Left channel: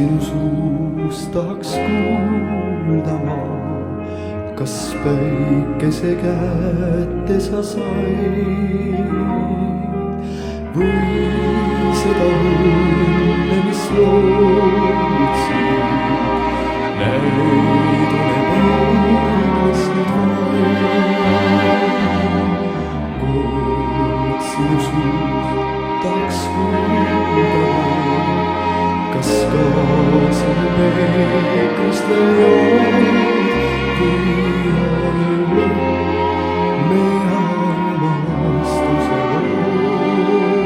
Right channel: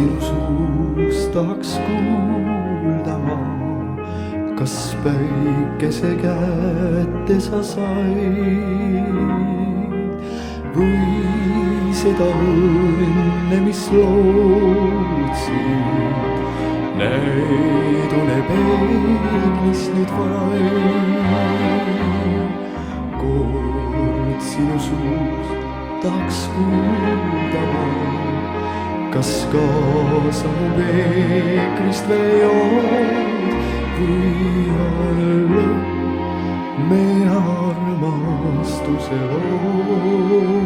sinu suust tahaks kuulda ma, kas päikese kätte sa said või seda õnne, mis lootsid, näid une peeglis nüüd vaid. Kord sinu suust tahaks kuulda ma, kas kaasa mu peegrist veel jood või olla me armastuse lood.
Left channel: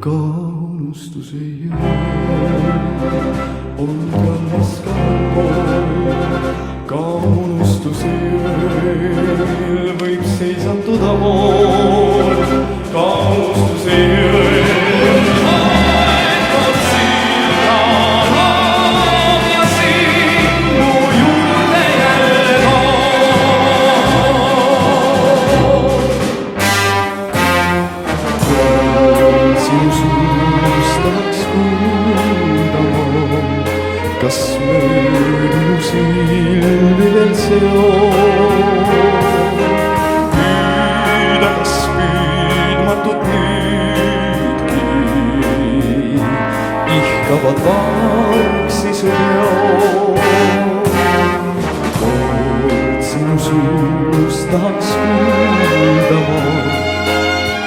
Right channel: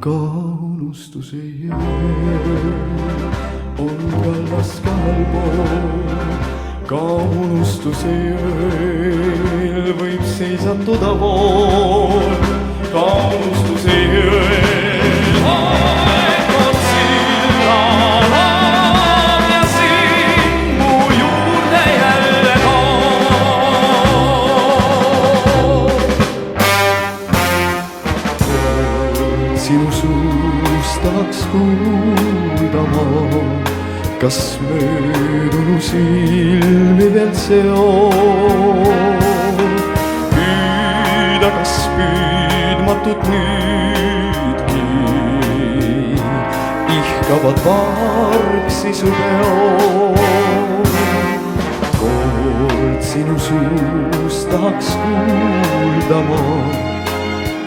Ka unustuse jõel on kallas kahel pool, ka unustuse jõel võib seisatuda pool, ka unustuse jõel sinu suust tahaks kuulda ma, kas möödunu silmi veel seob, püüda kas püüdmatut nüüdki ihkavad vargsi su peod. Kord sinu suust tahaks kuulda ma,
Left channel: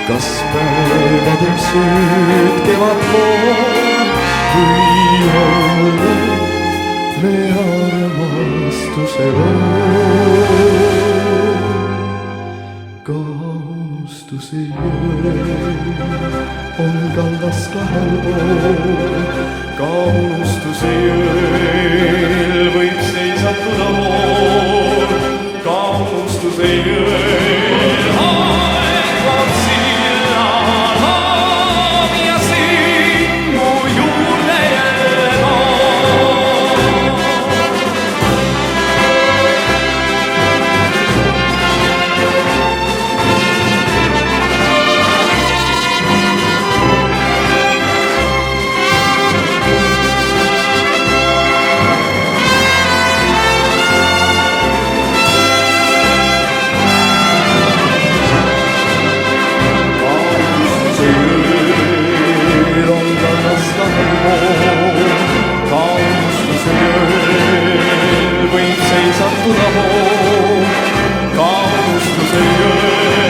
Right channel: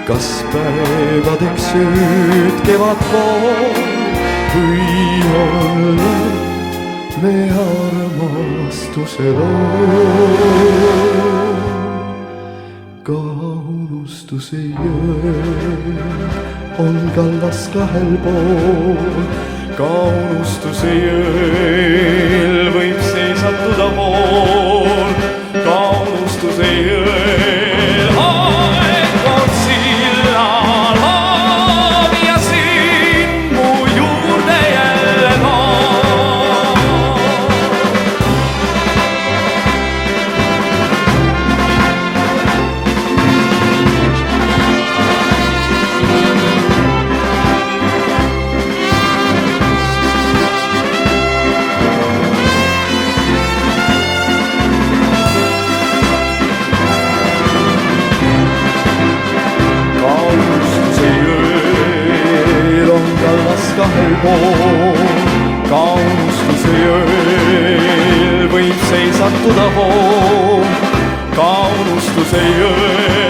kas päevadeks ööd kevad pool või olla me armastuse lood. Ka unustuse jõel on kallas kahel pool, ka unustuse jõel võib seisatuda pool, ka unustuse jõel kahel pool, ka unustuse jõel võib seisatuda pool, ka unustuse jõel